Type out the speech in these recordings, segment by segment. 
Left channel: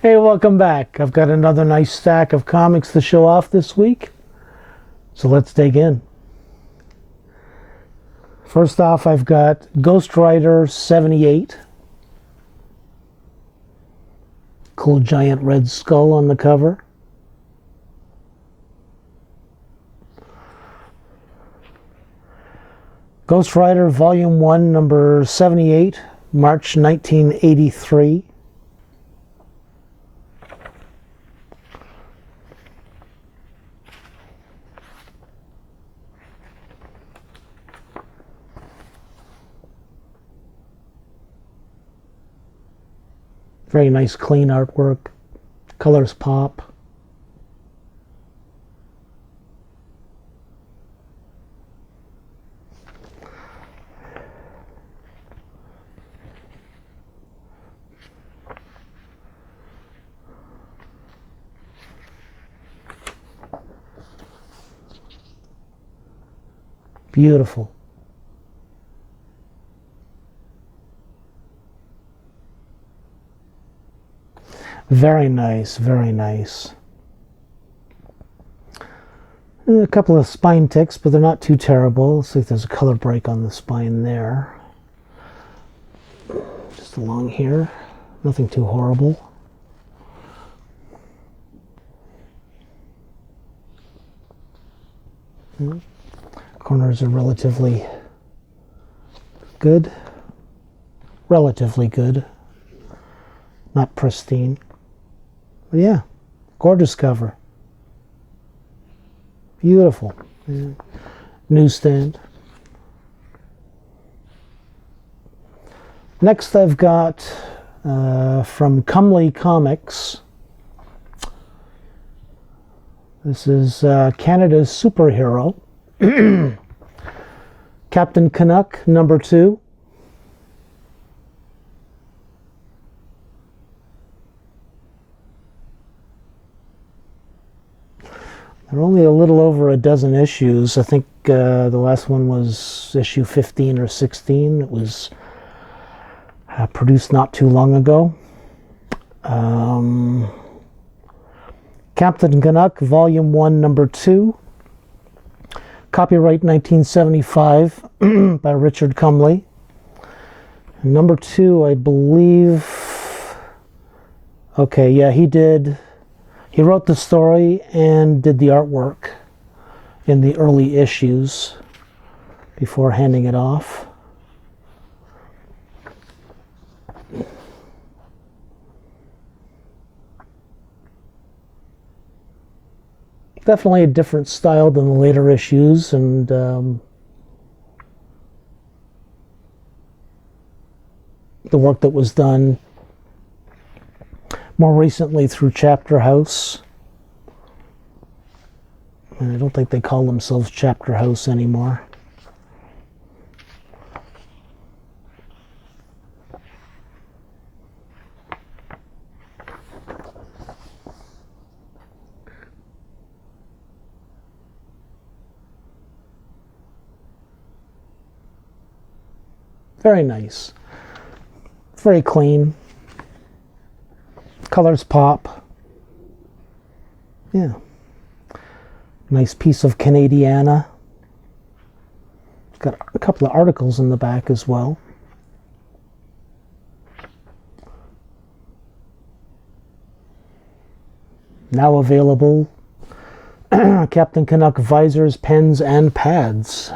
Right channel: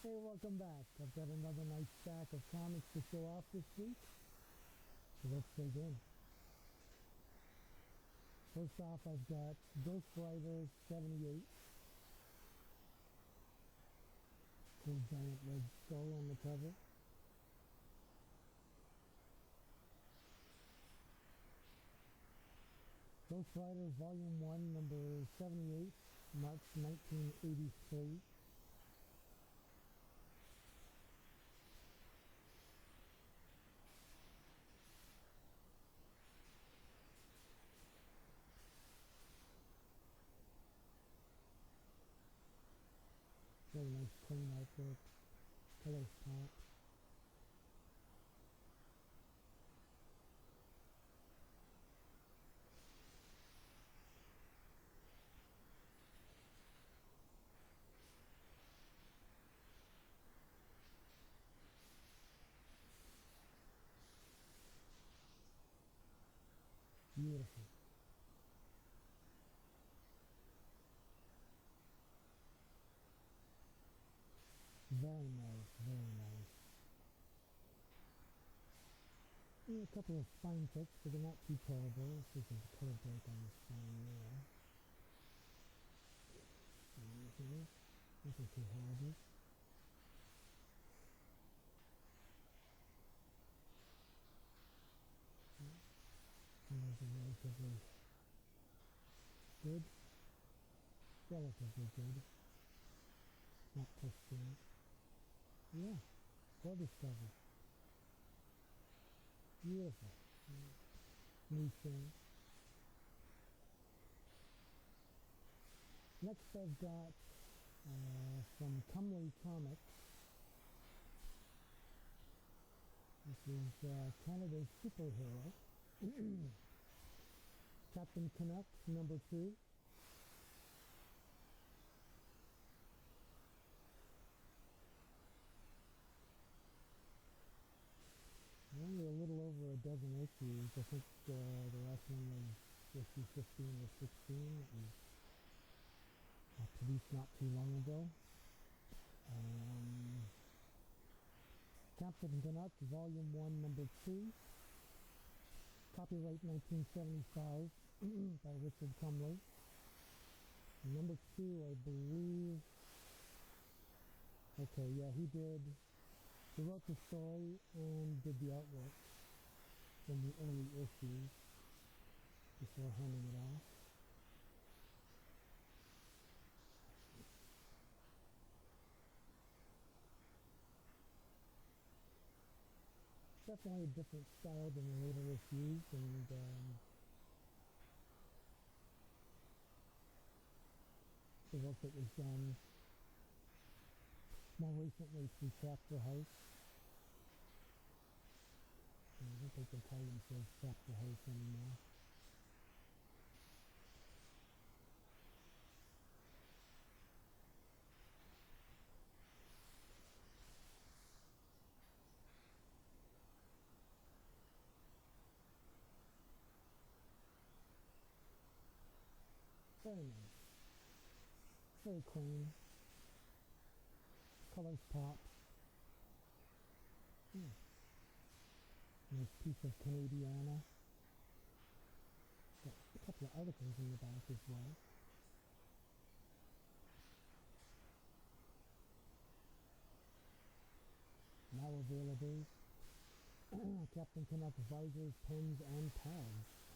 Hey, welcome back. I've got another nice stack of comics to show off this week. So let's dig in. First off, I've got Ghost Rider 78. Cool giant red skull on the cover. Ghost Rider Volume 1, number 78, March 1983. Very nice, clean artwork. Colors pop. Beautiful. Very nice, very nice. And a couple of spine ticks, but they're not too terrible. Looks like there's a color break on the spine there. Just along here. Nothing too horrible. Corners are relatively good. Relatively good. Not pristine. But yeah, gorgeous cover. Beautiful. Yeah. Newsstand. Next I've got from Comely Comics. This is Canada's superhero. Captain Canuck, number 2. There are only a little over a dozen issues. I think the last one was issue 15 or 16. It was produced not too long ago. Captain Canuck, Volume 1, Number 2. Copyright 1975 by Richard Comely. And number 2, I believe... Okay, yeah, he did... He wrote the story and did the artwork in the early issues before handing it off. Definitely a different style than the later issues, and the work that was done more recently through Chapter House. And I don't think they call themselves Chapter House anymore. Very nice. Very clean. Colors pop. Yeah. Nice piece of Canadiana. Got a couple of articles in the back as well. Now available. Captain Canuck visors, pens, and pads.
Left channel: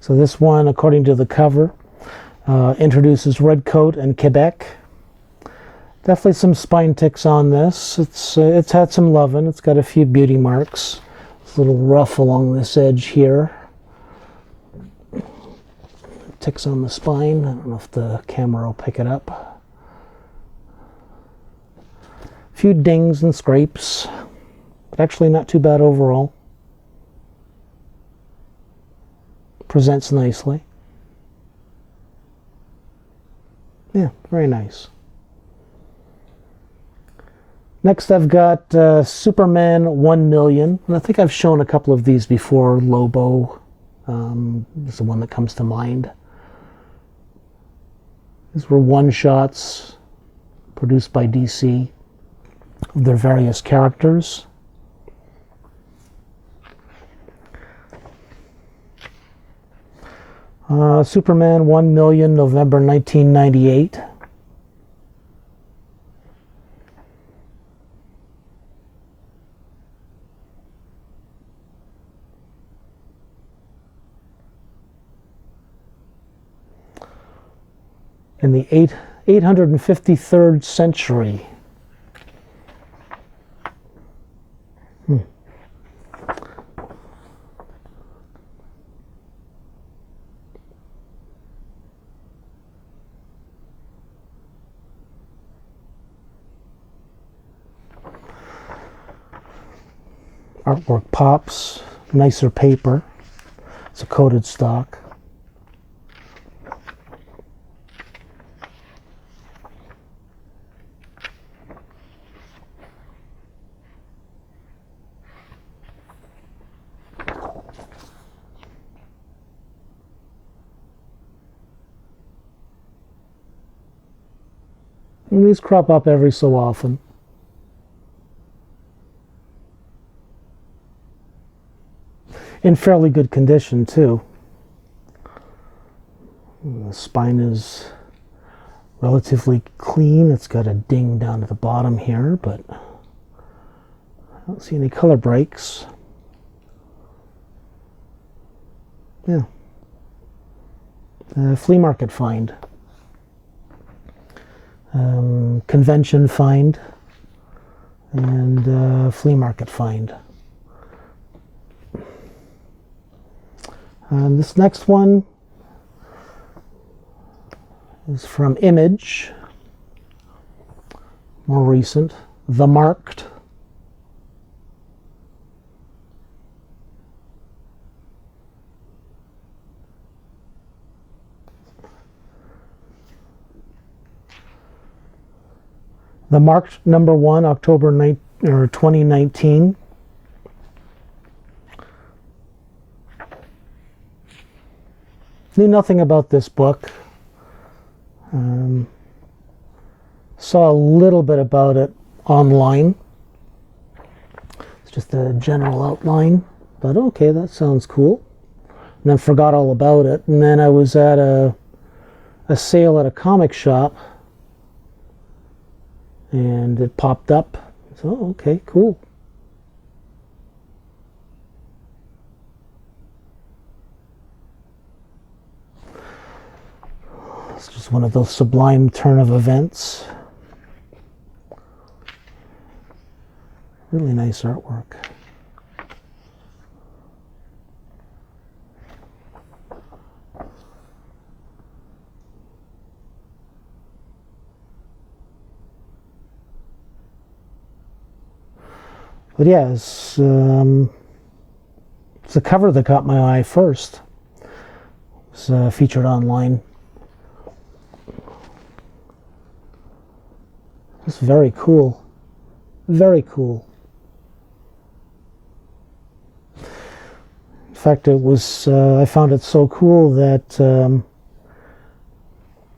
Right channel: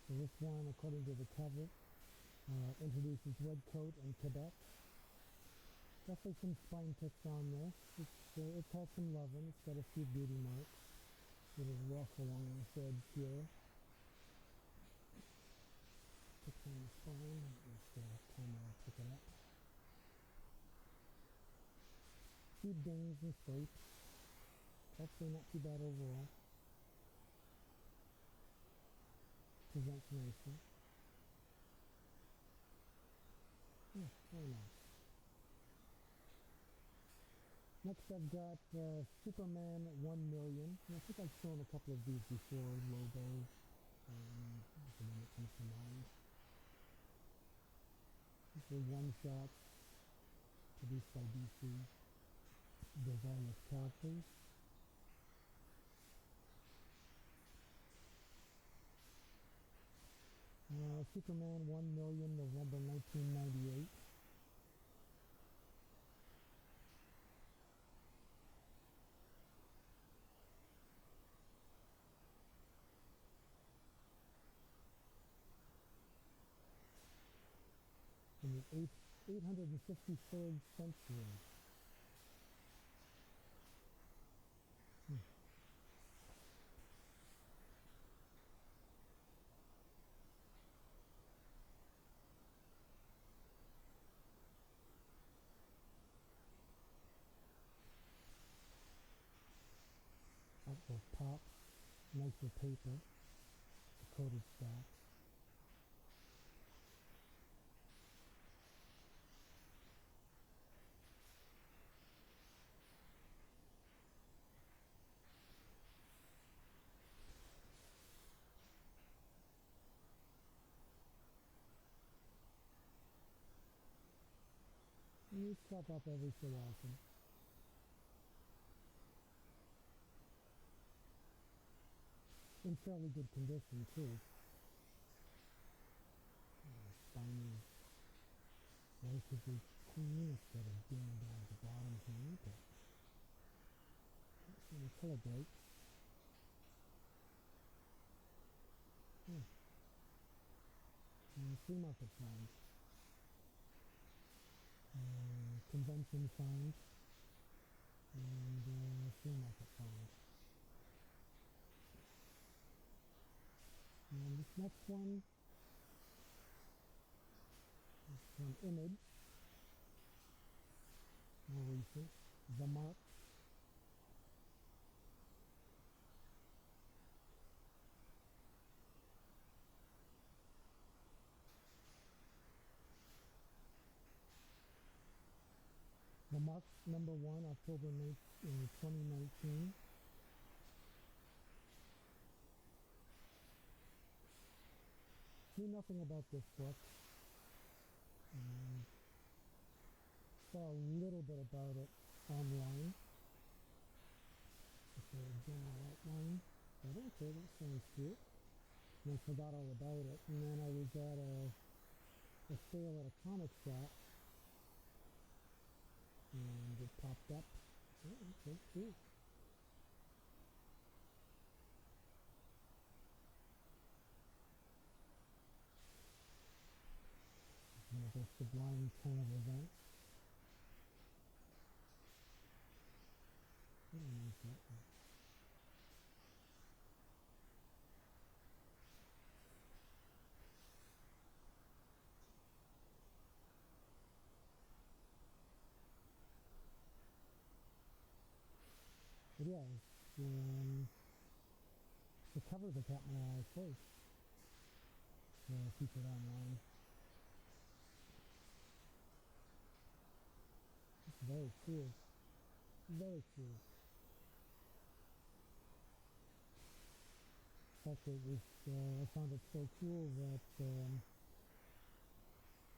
So this one, according to the cover, introduces Redcoat and Quebec. Definitely some spine ticks on this. It's had some loving. It's got a few beauty marks. It's a little rough along this edge here. Ticks on the spine. I don't know if the camera will pick it up. A few dings and scrapes, but actually not too bad overall. Presents nicely. Yeah, very nice. Next I've got Superman 1 million. And I think I've shown a couple of these before. Lobo, is the one that comes to mind. These were one-shots produced by DC of their various characters. Superman 1 million, November 1998. In the 853rd century. Artwork pops, nicer paper. It's a coated stock. And these crop up every so often. In fairly good condition, too. The spine is relatively clean. It's got a ding down at the bottom here, but I don't see any color breaks. Yeah. Flea market find. Convention find. And flea market find. This next one is from Image, more recent, The Marked. The Marked #1, October 2019. Knew nothing about this book. Saw a little bit about it online. It's just a general outline. But okay, that sounds cool. And then forgot all about it. And then I was at a sale at a comic shop. And it popped up. So, okay, cool. It's just one of those sublime turn of events. Really nice artwork. But yeah, it's the cover that caught my eye first. It's featured online. It's very cool. Very cool. In fact, it was, I found it so cool that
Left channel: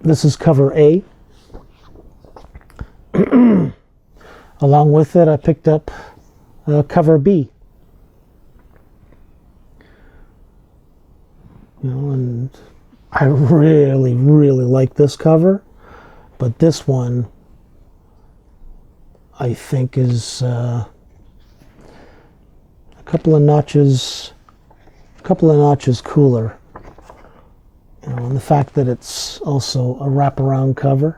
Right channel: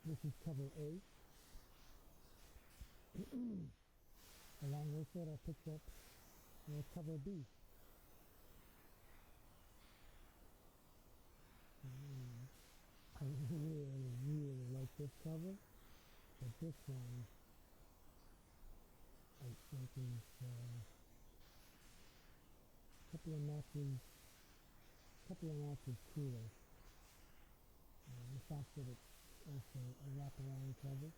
this is cover A. Along with it, I picked up cover B. You know, and I really, really like this cover, but this one I think is a couple of notches cooler. You know, and the fact that it's also a wraparound cover.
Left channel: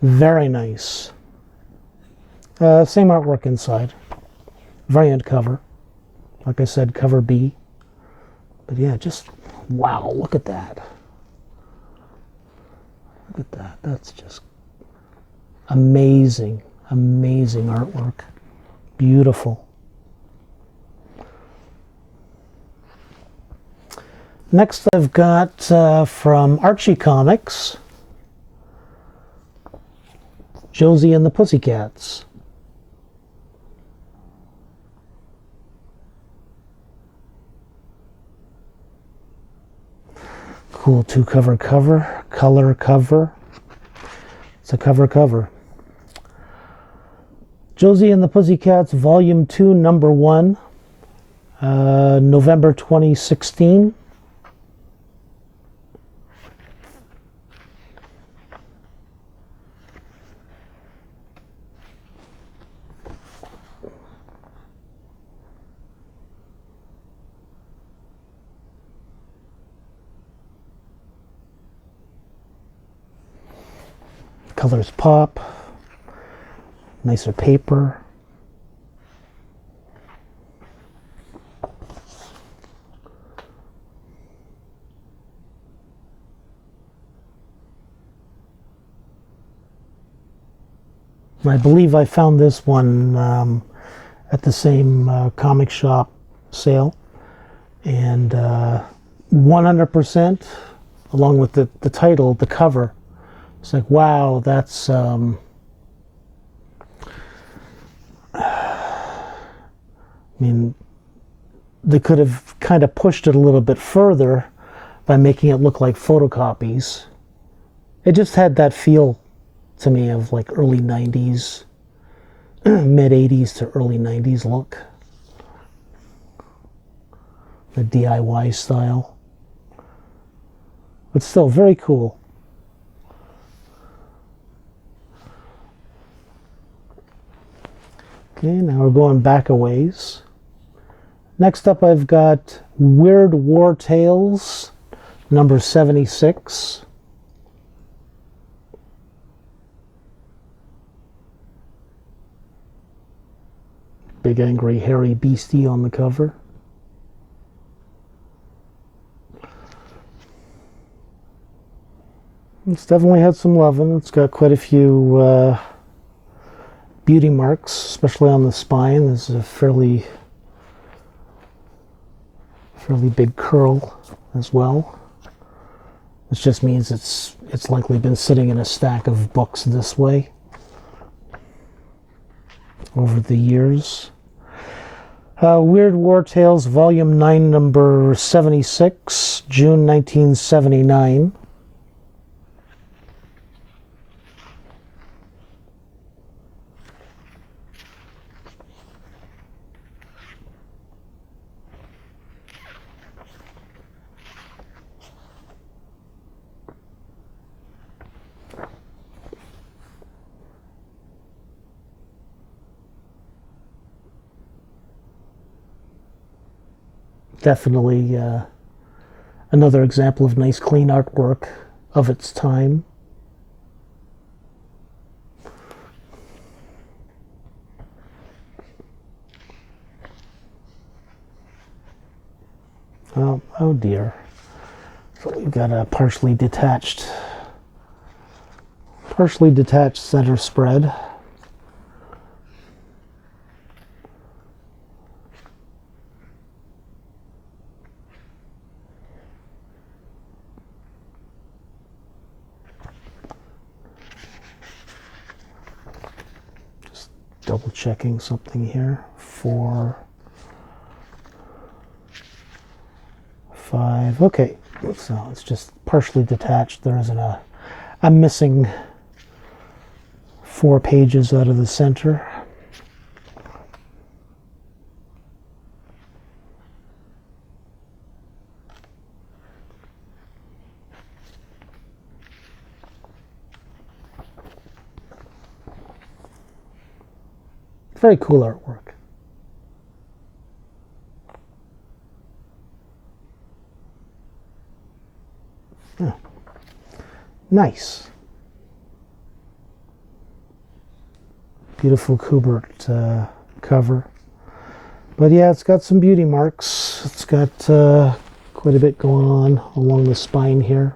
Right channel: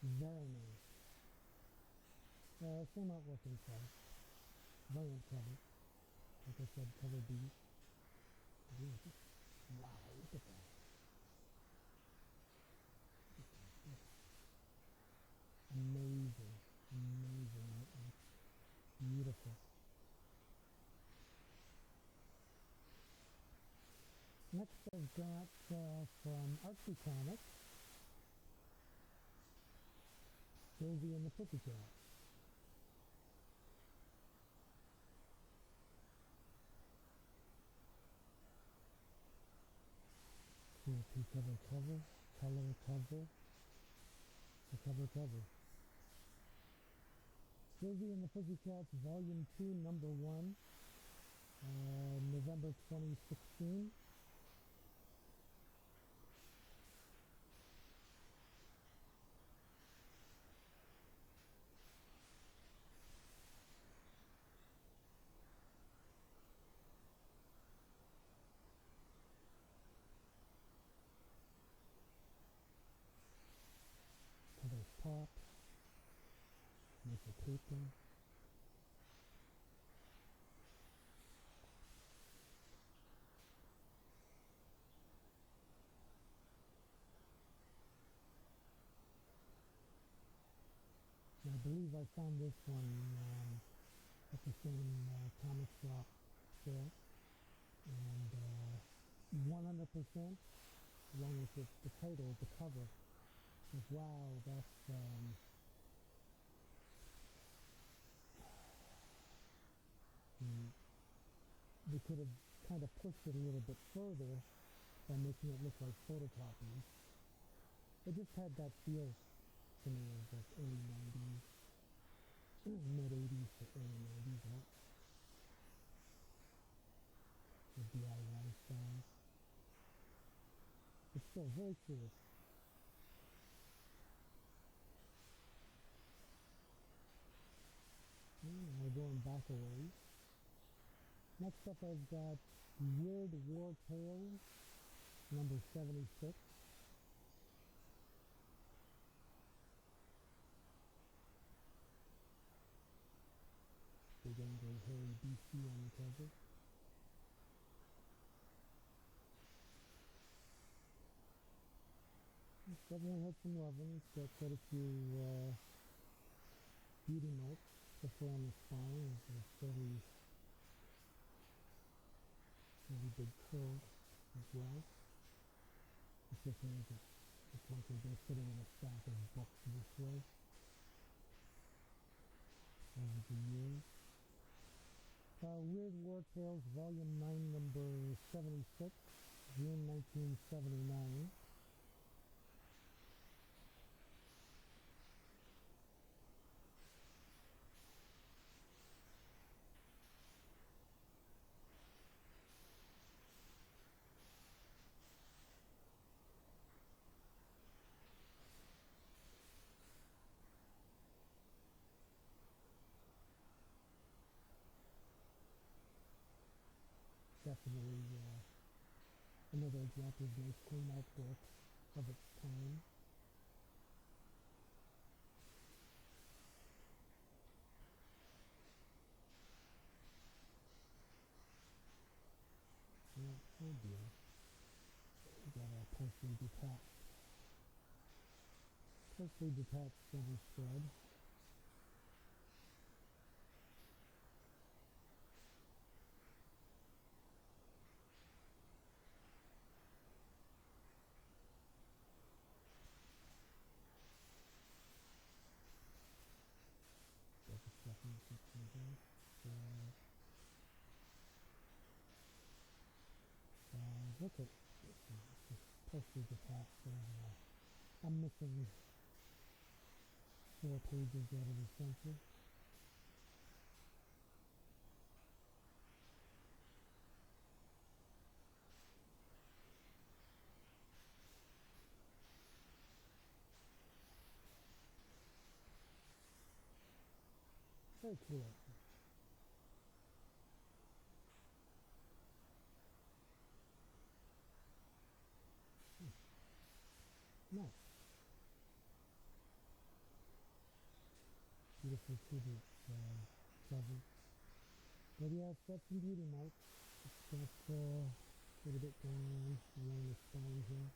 Very nice. Same artwork inside. Variant cover. Like I said, cover B. But yeah, just wow, look at that. Look at that. That's just amazing, amazing artwork. Beautiful. Next I've got from Archie Comics. Josie and the Pussycats. Cool two-cover cover, color cover. It's a cover. Josie and the Pussycats, Volume 2, Number 1, November 2016. Colors pop, nicer paper. I believe I found this one at the same comic shop sale, and 100%, along with the title, the cover. It's like, wow, that's I mean, they could have kind of pushed it a little bit further by making it look like photocopies. It just had that feel to me of like early 90s, mid 80s to early 90s look. The DIY style. But still very cool. Okay, now we're going back a ways. Next up I've got Weird War Tales, number 76. Big angry hairy beastie on the cover. It's definitely had some loving. It's got quite a few beauty marks, especially on the spine. There's a fairly big curl as well, which just means it's likely been sitting in a stack of books this way over the years. Weird War Tales, Volume 9, number 76, June 1979. Definitely another example of nice clean artwork of its time. Oh dear. So we've got a partially detached center spread. Double checking something here. 4, 5. Okay, so it's just partially detached. There isn't I'm missing 4 pages out of the center. Very cool artwork. Oh. Nice. Beautiful Kubert cover. But yeah, it's got some beauty marks. It's got quite a bit going on along the spine here.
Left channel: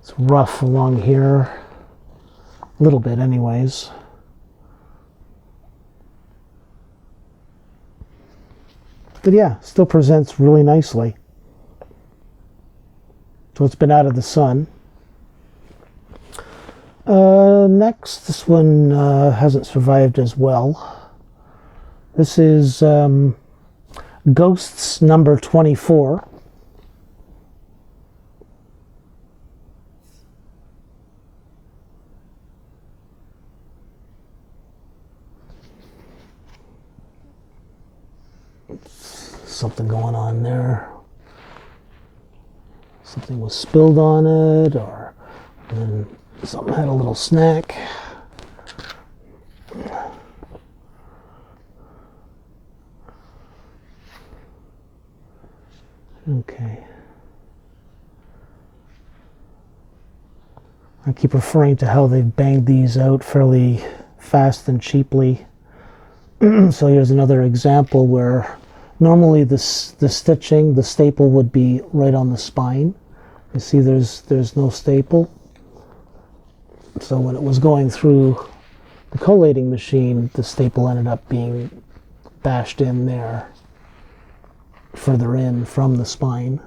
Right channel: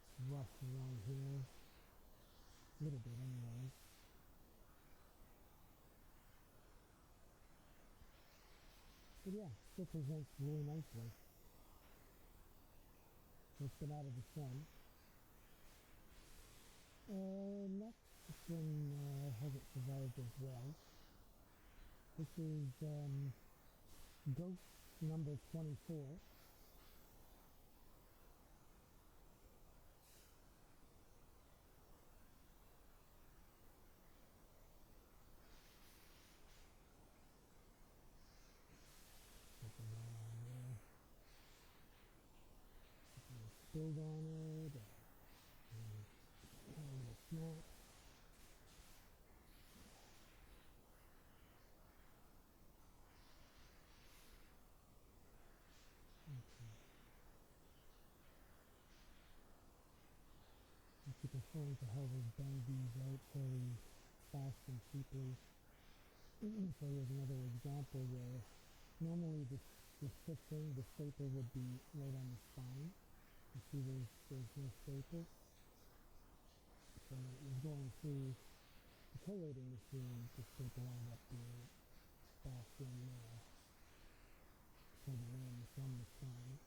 It's rough along here. A little bit anyways. But yeah, still presents really nicely. So it's been out of the sun. Next, this one hasn't survived as well. This is Ghosts number 24. Something going on there. Something was spilled on it, or something had a little snack. Okay. I keep referring to how they've banged these out fairly fast and cheaply. So here's another example where normally the stitching, the staple would be right on the spine. You see there's no staple. So when it was going through the collating machine, the staple ended up being bashed in there, further in from the spine.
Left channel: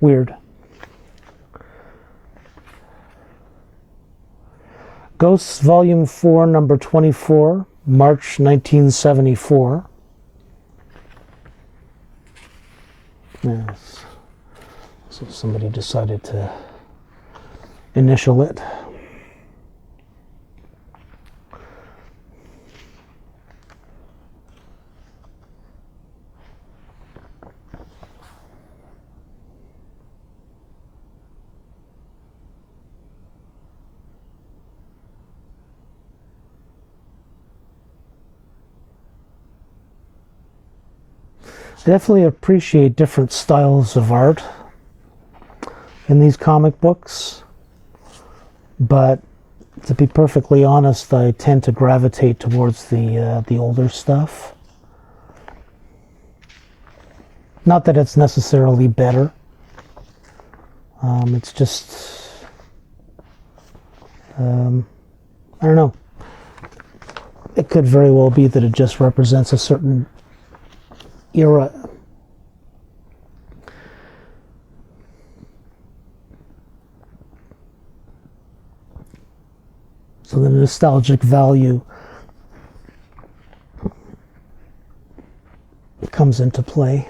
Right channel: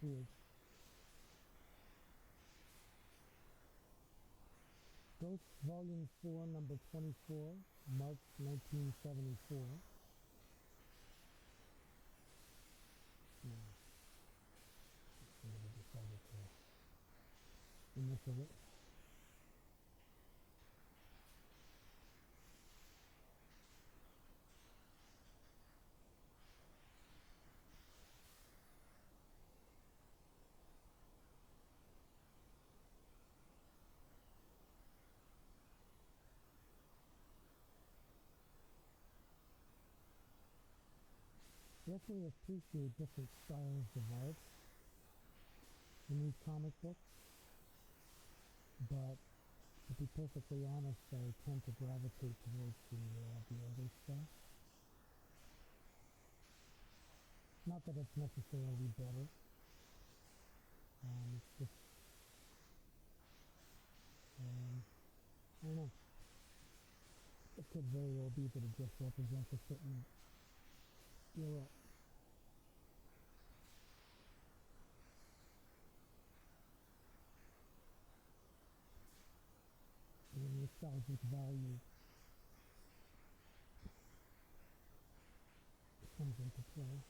Weird. Ghosts Volume 4, number 24, March 1974. Yes. So somebody decided to initial it. I definitely appreciate different styles of art in these comic books, but to be perfectly honest, I tend to gravitate towards the older stuff. Not that it's necessarily better. It's just I don't know. It could very well be that it just represents a certain era. So the nostalgic value comes into play.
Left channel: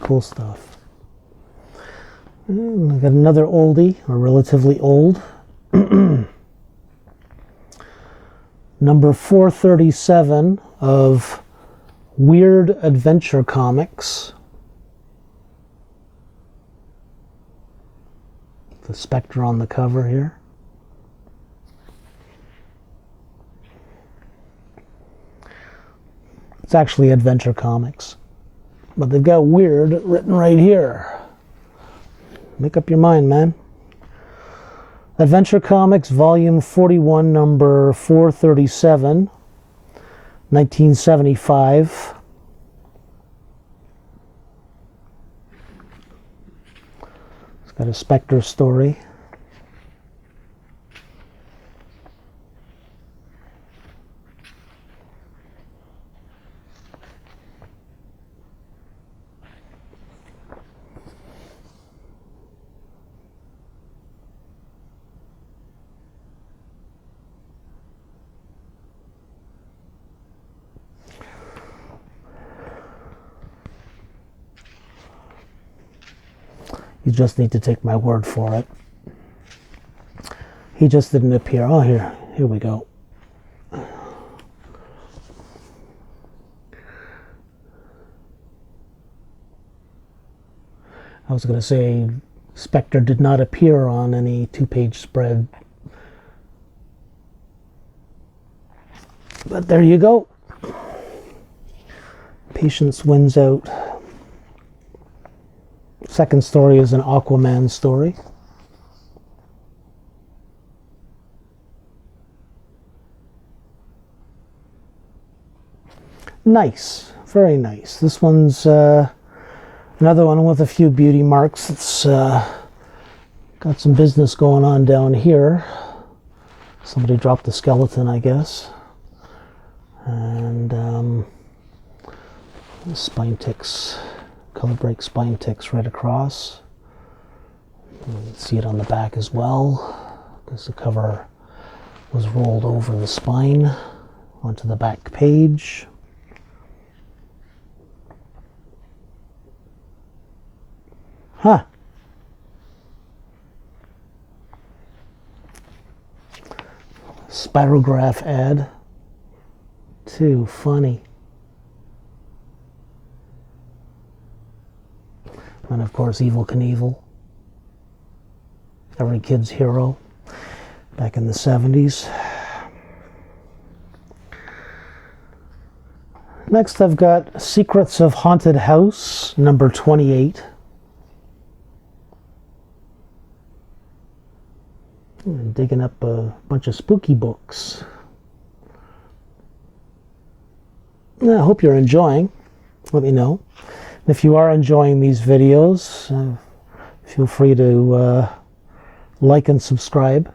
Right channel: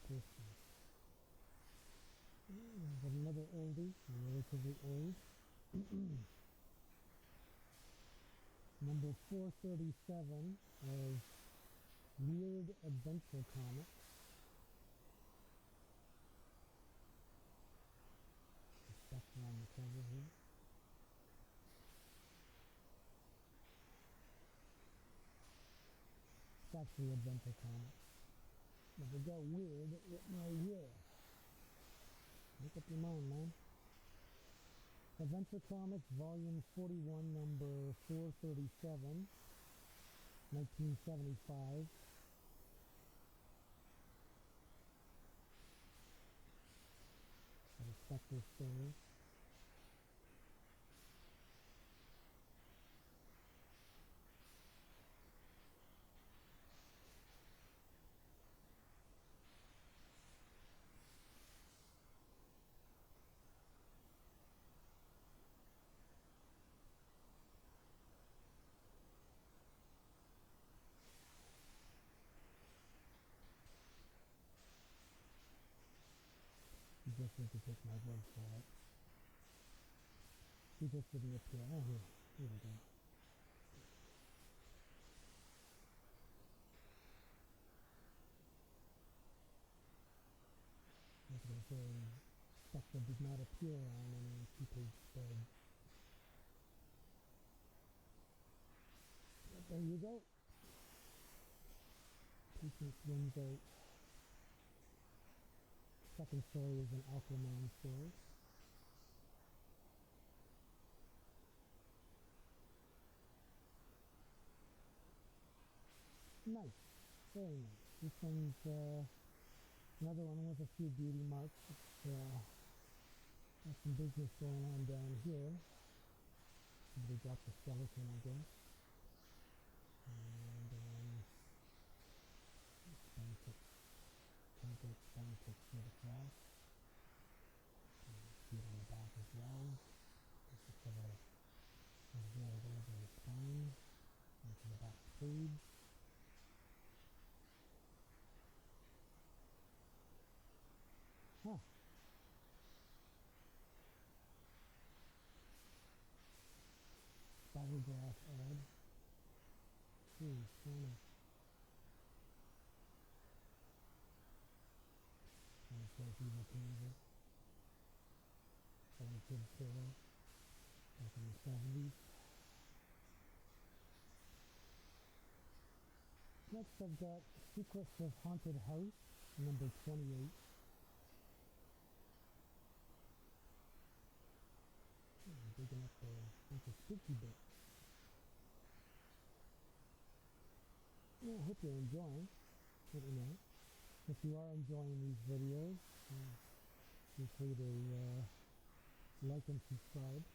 Cool stuff. And I got another oldie, or relatively old. Number 437 of Weird Adventure Comics. The Spectre on the cover here. It's actually Adventure Comics, but they've got weird written right here. Make up your mind, man. Adventure Comics, Volume 41, number 437, 1975. It's got a Spectre story. You just need to take my word for it. He just didn't appear. Oh, here we go. I was going to say Spectre did not appear on any two-page spread. But there you go. Patience wins out. Second story is an Aquaman story. Nice, very nice. This one's another one with a few beauty marks. It's got some business going on down here. Somebody dropped the skeleton, I guess. And spine ticks, color break spine ticks right across. You can see it on the back as well, because the cover was rolled over the spine onto the back page. Huh. Spirograph ad. Too funny. And of course, Evel Knievel. Every kid's hero back in the 70s. Next, I've got Secrets of Haunted House, number 28. I'm digging up a bunch of spooky books. I hope you're enjoying. Let me know. And if you are enjoying these videos, feel free to like and subscribe.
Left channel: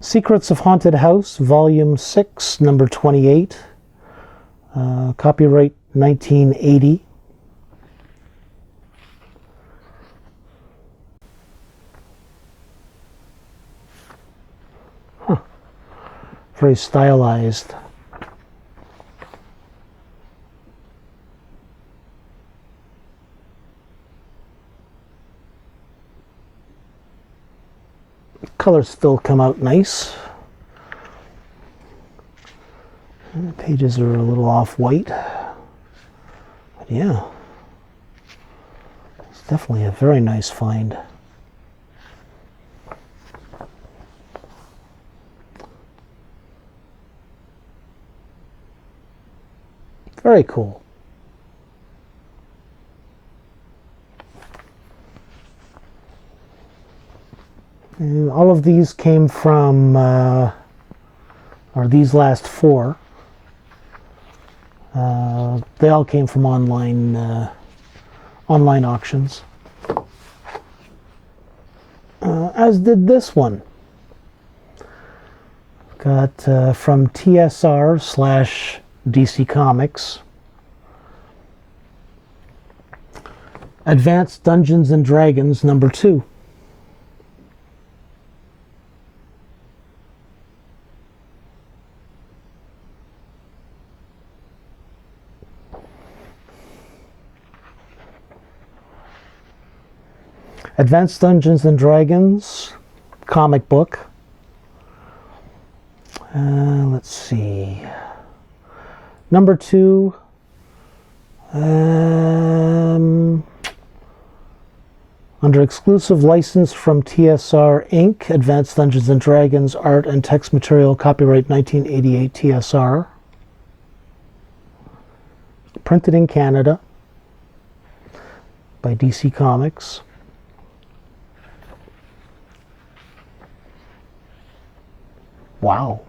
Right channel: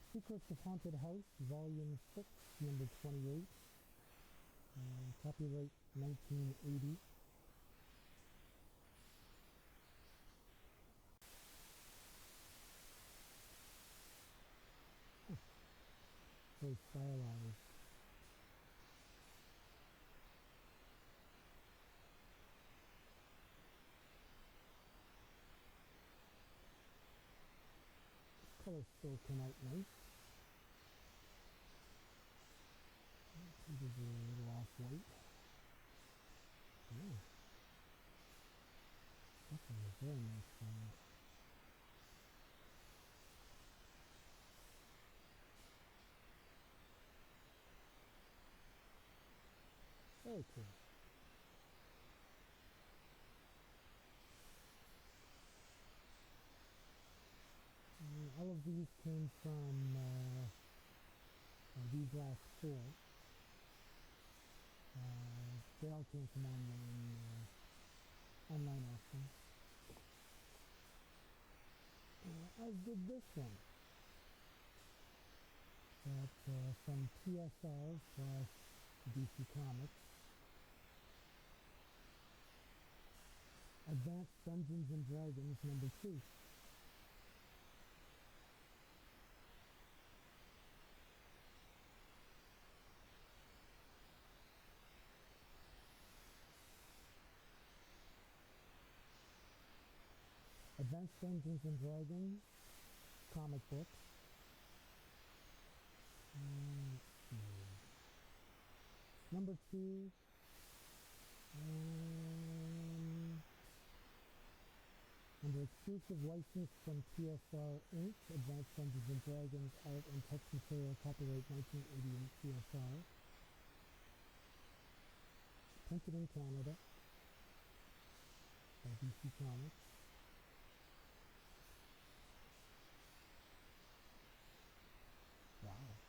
Secrets of Haunted House, Volume 6, number 28. Copyright 1980. Huh. Very stylized. Colors still come out nice. And the pages are a little off-white. But yeah, it's definitely a very nice find. Very cool. And all of these came from, or these last four, they all came from online auctions. As did this one. Got from TSR/DC Comics. Advanced Dungeons and Dragons number 2. Advanced Dungeons and Dragons comic book. Let's see. Number 2. Under exclusive license from TSR Inc., Advanced Dungeons and Dragons art and text material, copyright 1988 TSR. Printed in Canada by DC Comics. Wow.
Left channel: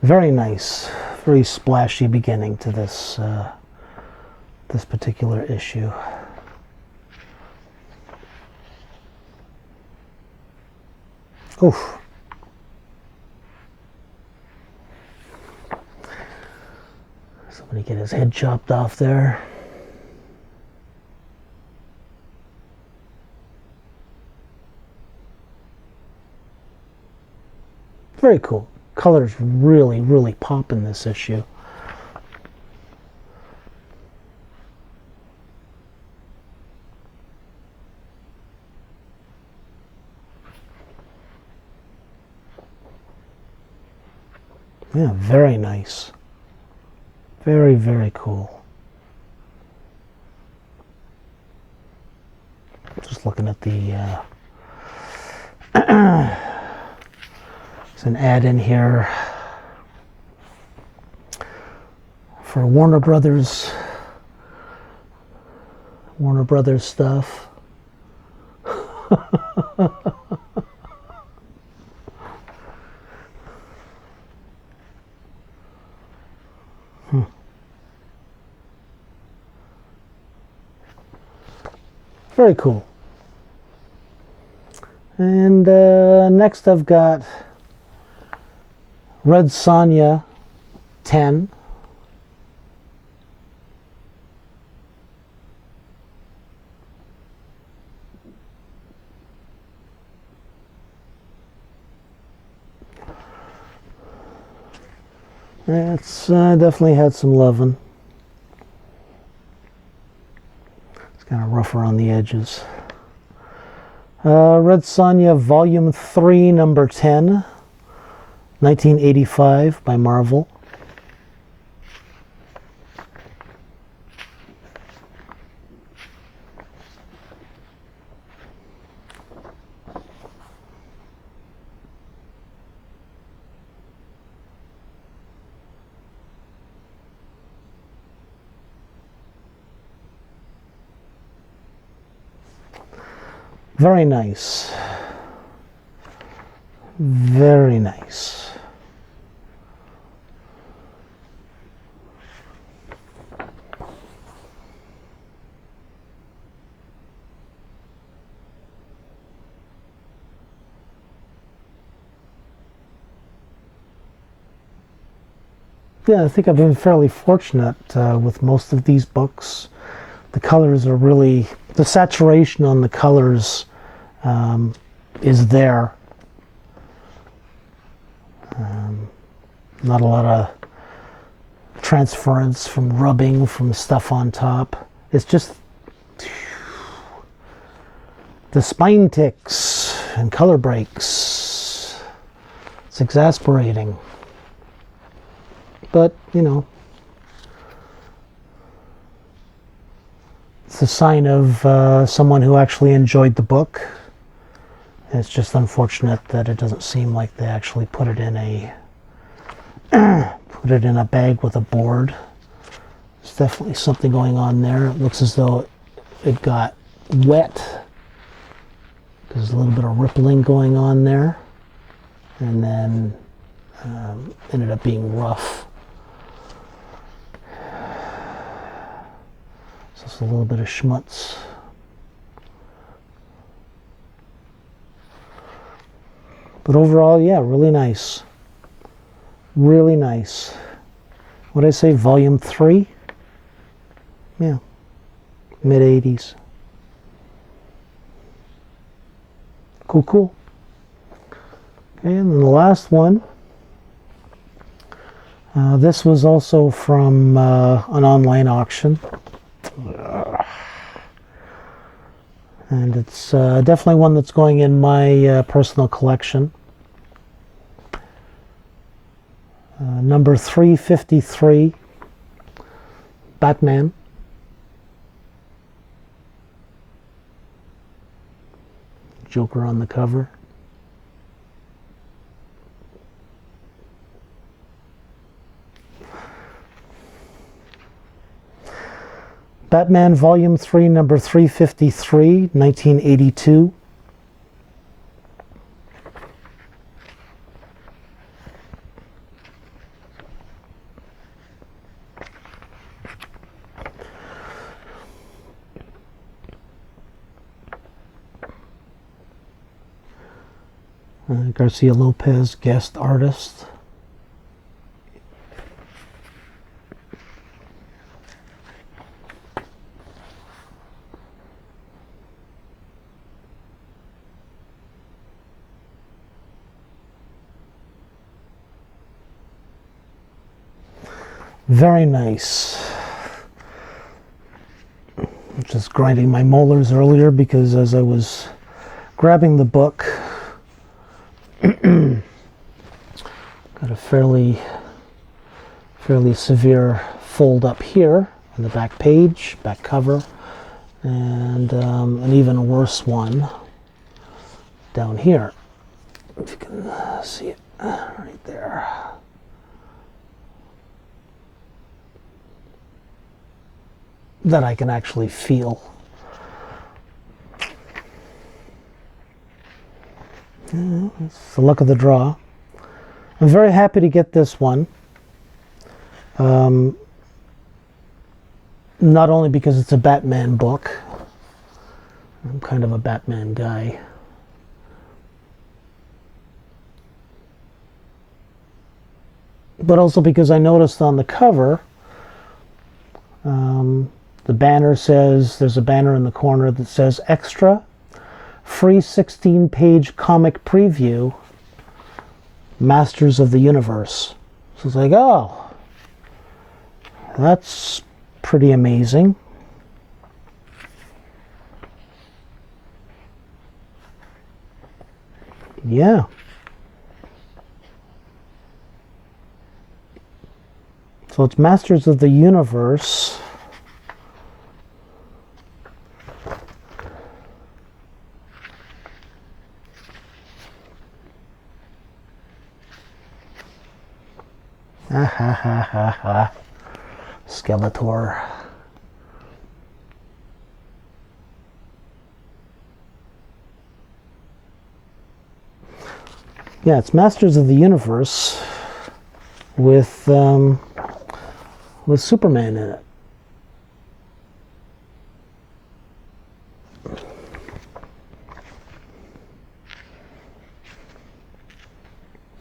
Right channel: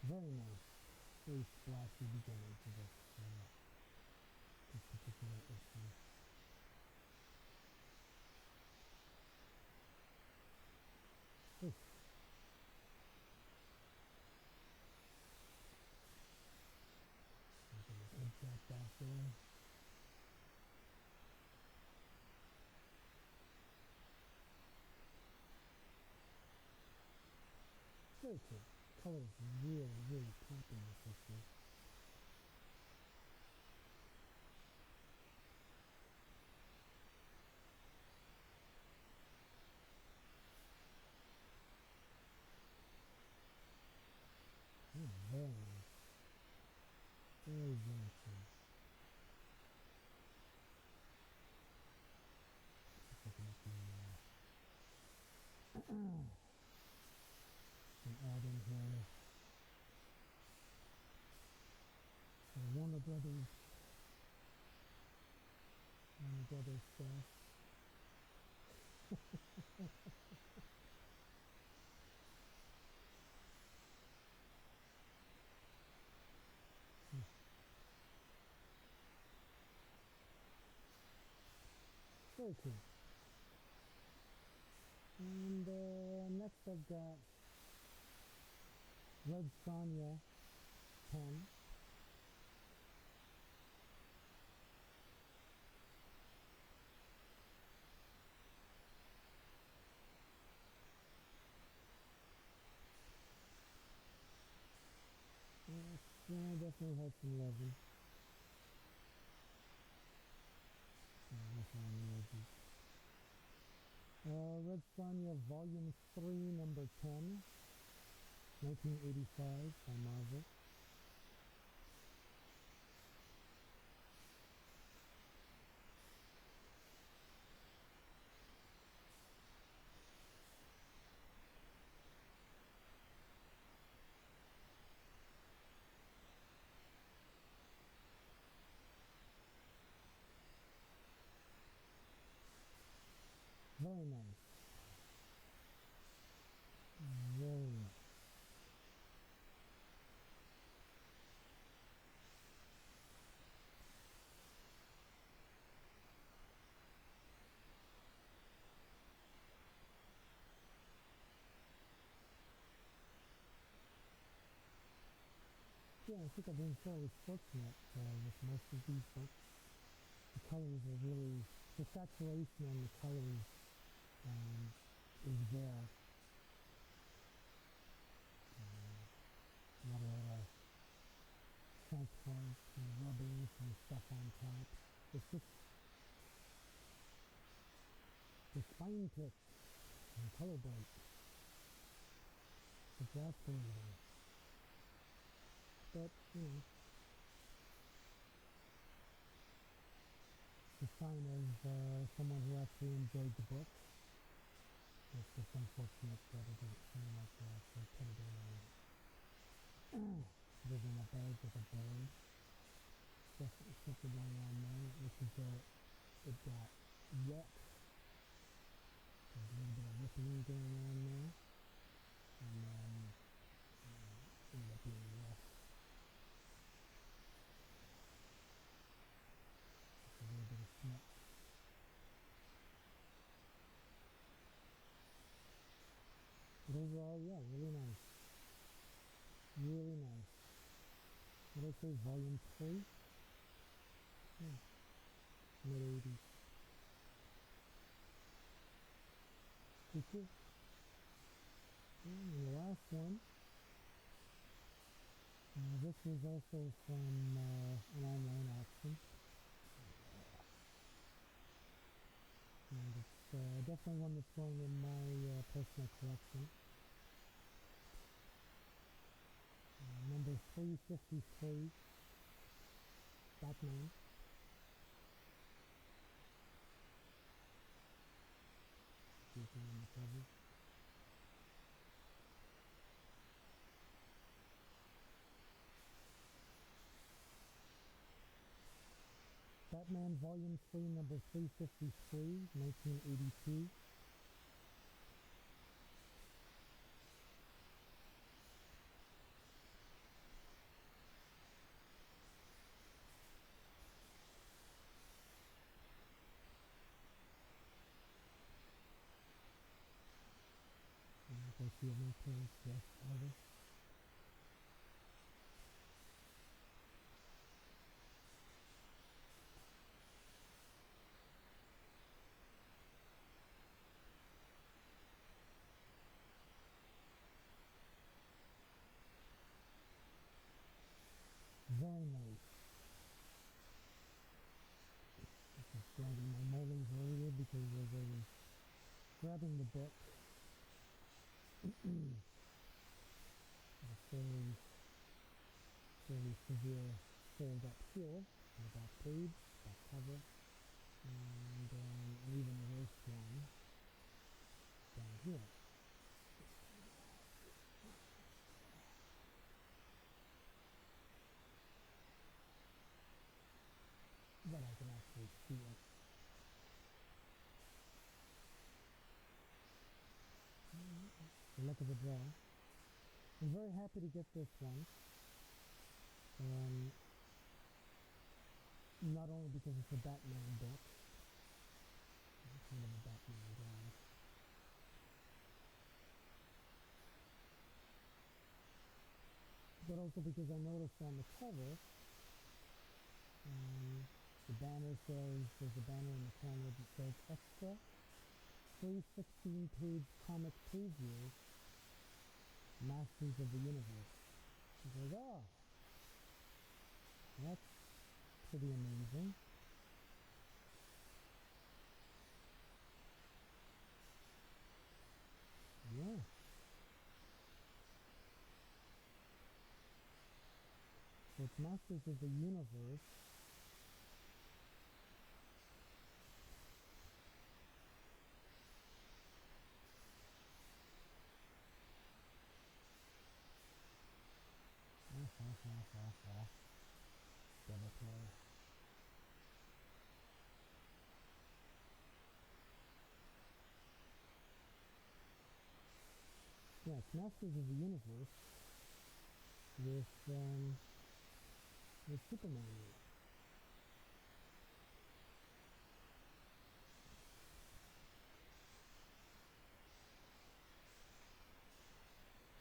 Very nice, very splashy beginning to this this particular issue. Oof. Somebody get his head chopped off there. Very cool. Colors really, really pop in this issue. Yeah, very nice. Very, very cool. Just looking at the there's an ad in here for Warner Brothers stuff. Very cool. And next I've got Red Sonja 10. It's definitely had some loving. It's kind of rougher on the edges. Red Sonja Volume 3, Number 10, 1985 by Marvel. Very nice. Very nice. Yeah, I think I've been fairly fortunate with most of these books. The colors are really, the saturation on the colors is there. Not a lot of transference from rubbing from stuff on top. It's just the spine ticks and color breaks. It's exasperating. But, you know, it's a sign of someone who actually enjoyed the book. It's just unfortunate that it doesn't seem like they actually put it in a bag with a board. There's definitely something going on there. It looks as though it got wet. There's a little bit of rippling going on there, and then ended up being rough. So it's a little bit of schmutz. But overall, yeah, really nice. Really nice. What did I say, Volume 3? Yeah, mid-80s. Cool, cool. Okay, and then the last one. This was also from an online auction. And it's definitely one that's going in my personal collection. Number 353, Batman. Joker on the cover. Batman Volume 3, Number 353, 1982. Garcia Lopez, guest artist. Very nice. Just grinding my molars earlier because as I was grabbing the book, got a fairly severe fold up here on the back page, back cover, and an even worse one down here. If you can see it right there. That I can actually feel. It's the luck of the draw. I'm very happy to get this one. Not only because it's a Batman book, I'm kind of a Batman guy. But also because I noticed on the cover, the banner says, there's a banner in the corner that says extra, free 16-page comic preview, Masters of the Universe. So it's like, oh, that's pretty amazing. Yeah. So it's Masters of the Universe. Ah ha ha ha ha. Skeletor. Yeah, it's Masters of the Universe with Superman in it.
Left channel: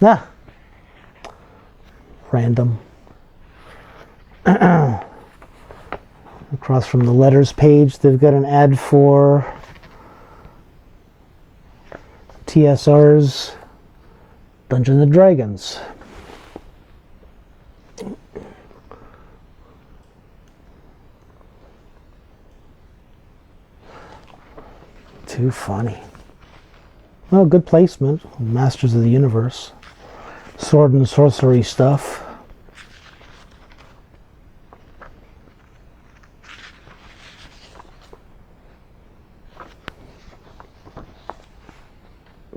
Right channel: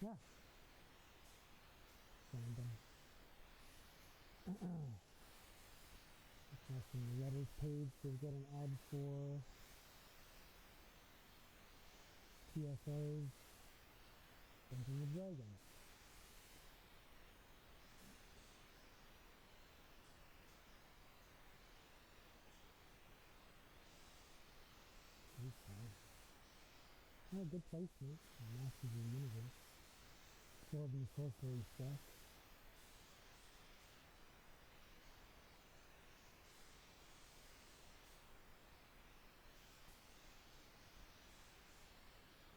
Ah, random. Across from the letters page, they've got an ad for TSR's Dungeons and Dragons. Too funny. Well, good placement. Masters of the Universe. Sword and sorcery stuff.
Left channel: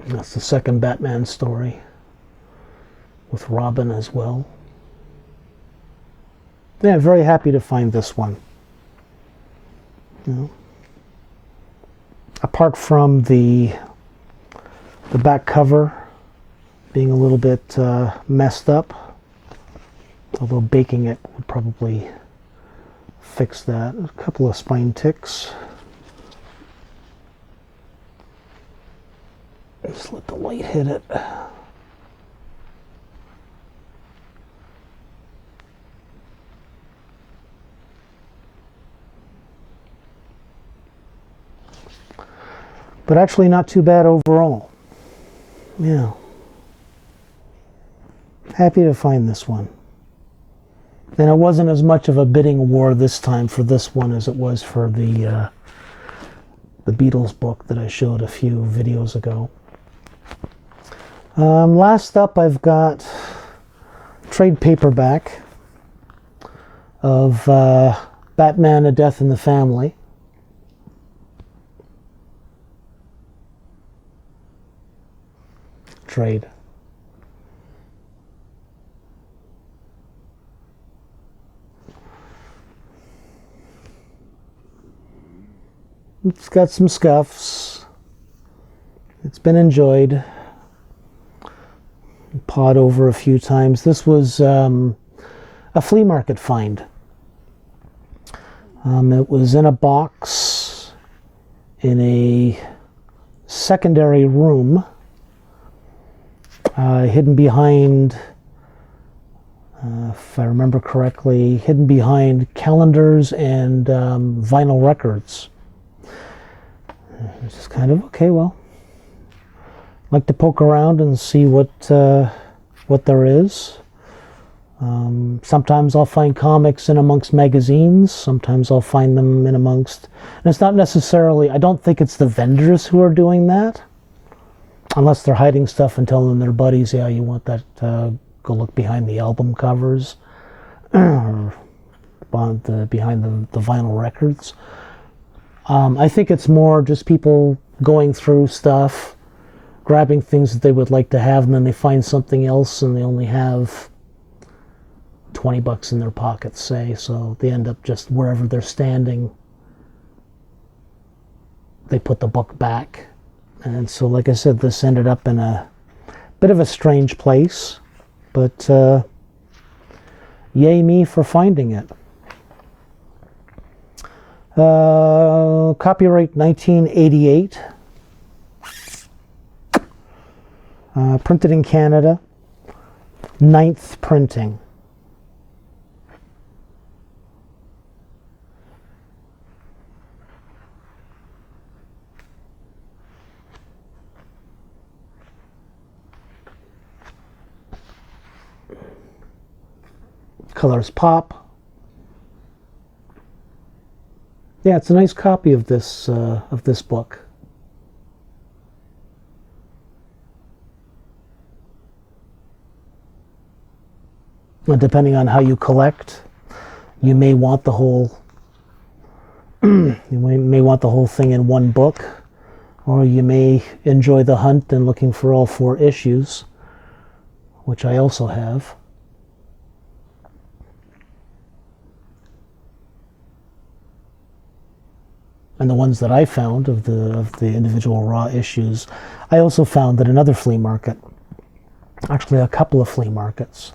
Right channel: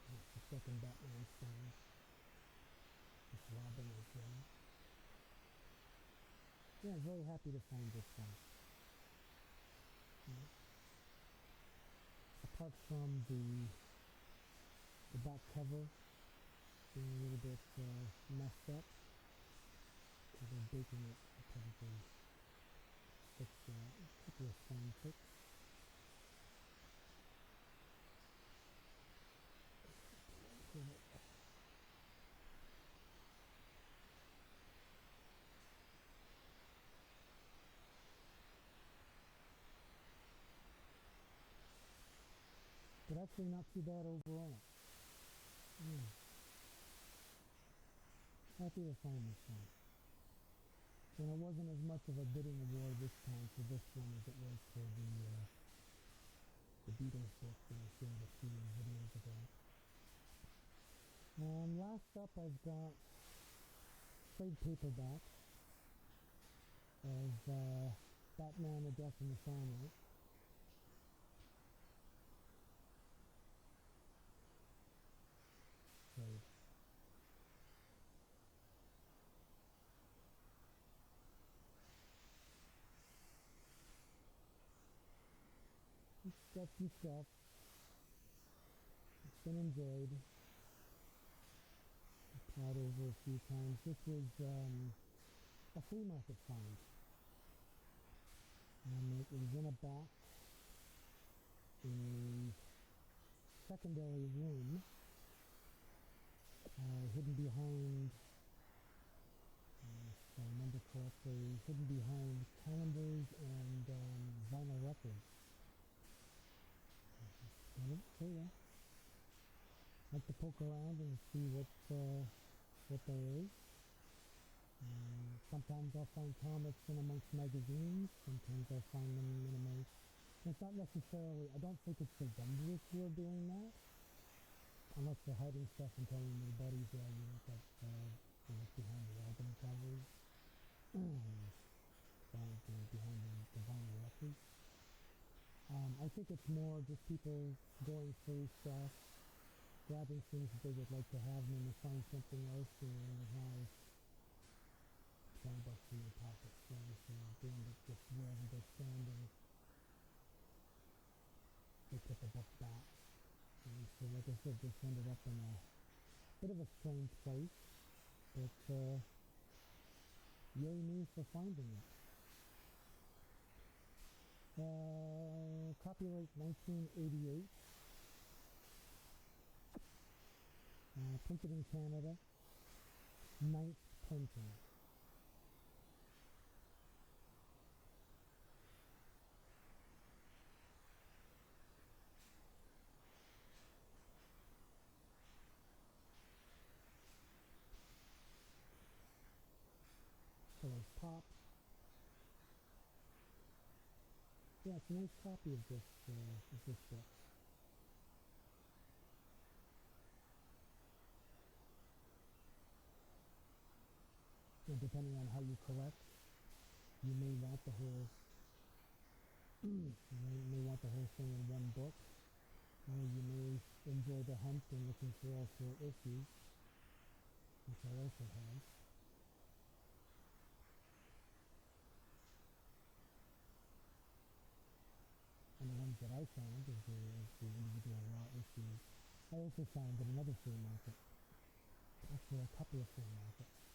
That's the second Batman story with Robin as well. Yeah, very happy to find this one. You know, apart from the back cover being a little bit messed up, although baking it would probably fix that. A couple of spine ticks. Just let the light hit it. But actually not too bad overall. Yeah. Happy to find this one. And it wasn't as much of a bidding war this time for this one as it was for the Beatles book that I showed a few videos ago. Last up, I've got trade paperback of Batman: A Death in the Family. Trade. It's got some scuffs. It's been enjoyed. Pawed over a few times. This was a flea market find. It was in a box in a secondary room, hidden behind, if I remember correctly, hidden behind calendars and vinyl records. It's just kind of, okay, well, like to poke around and see what there is. Sometimes I'll find comics in amongst magazines. Sometimes I'll find them in amongst, and it's not necessarily, I don't think it's the vendors who are doing that, unless they're hiding stuff and telling their buddies, yeah, you want that, go look behind the album covers or behind the vinyl records. I think it's more just people going through stuff, grabbing things that they would like to have, and then they find something else and they only have $20 in their pockets, say, so they end up just wherever they're standing, they put the book back. And so, like I said, this ended up in a bit of a strange place, but yay me for finding it. Copyright 1988. Printed in Canada. 9th printing. Colors pop. Yeah, it's a nice copy of this book. Depending on how you collect, you may want the whole may want the whole thing in one book, or you may enjoy the hunt and looking for all 4 issues, which I also have. And the ones that I found of the individual raw issues, I also found at another flea market. Actually, a couple of flea markets.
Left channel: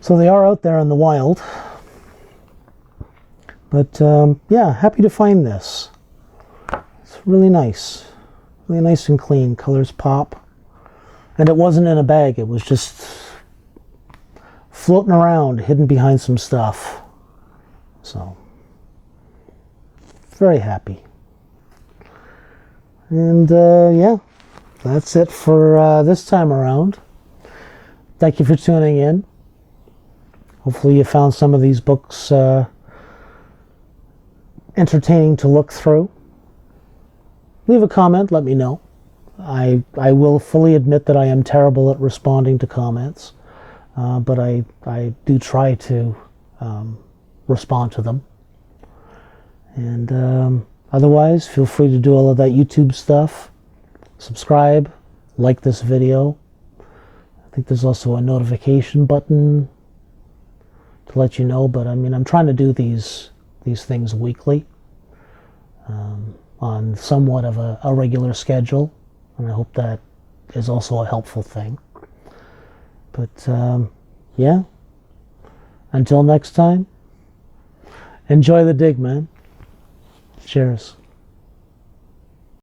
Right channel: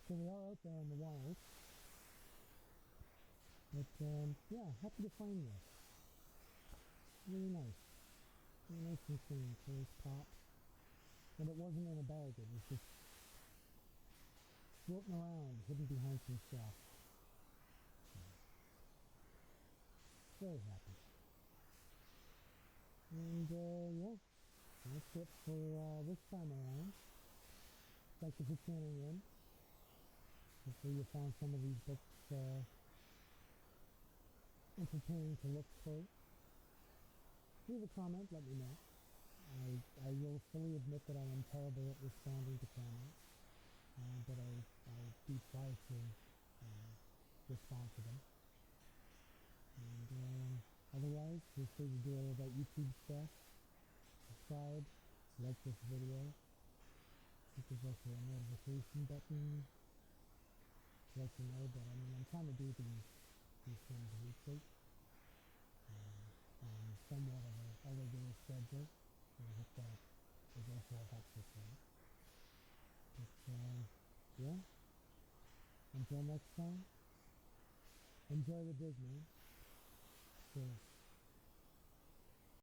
So they are out there in the wild. But yeah, happy to find this. It's really nice. Really nice and clean. Colors pop. And it wasn't in a bag. It was just floating around, hidden behind some stuff. So, very happy. And yeah, that's it for this time around. Thank you for tuning in. Hopefully you found some of these books entertaining to look through. Leave a comment, let me know. I will fully admit that I am terrible at responding to comments, but I do try to respond to them. And otherwise, feel free to do all of that YouTube stuff. Subscribe, like this video. I think there's also a notification button to let you know, but I mean, I'm trying to do these things weekly on somewhat of a regular schedule, and I hope that is also a helpful thing. But yeah, until next time, enjoy the dig, man. Cheers.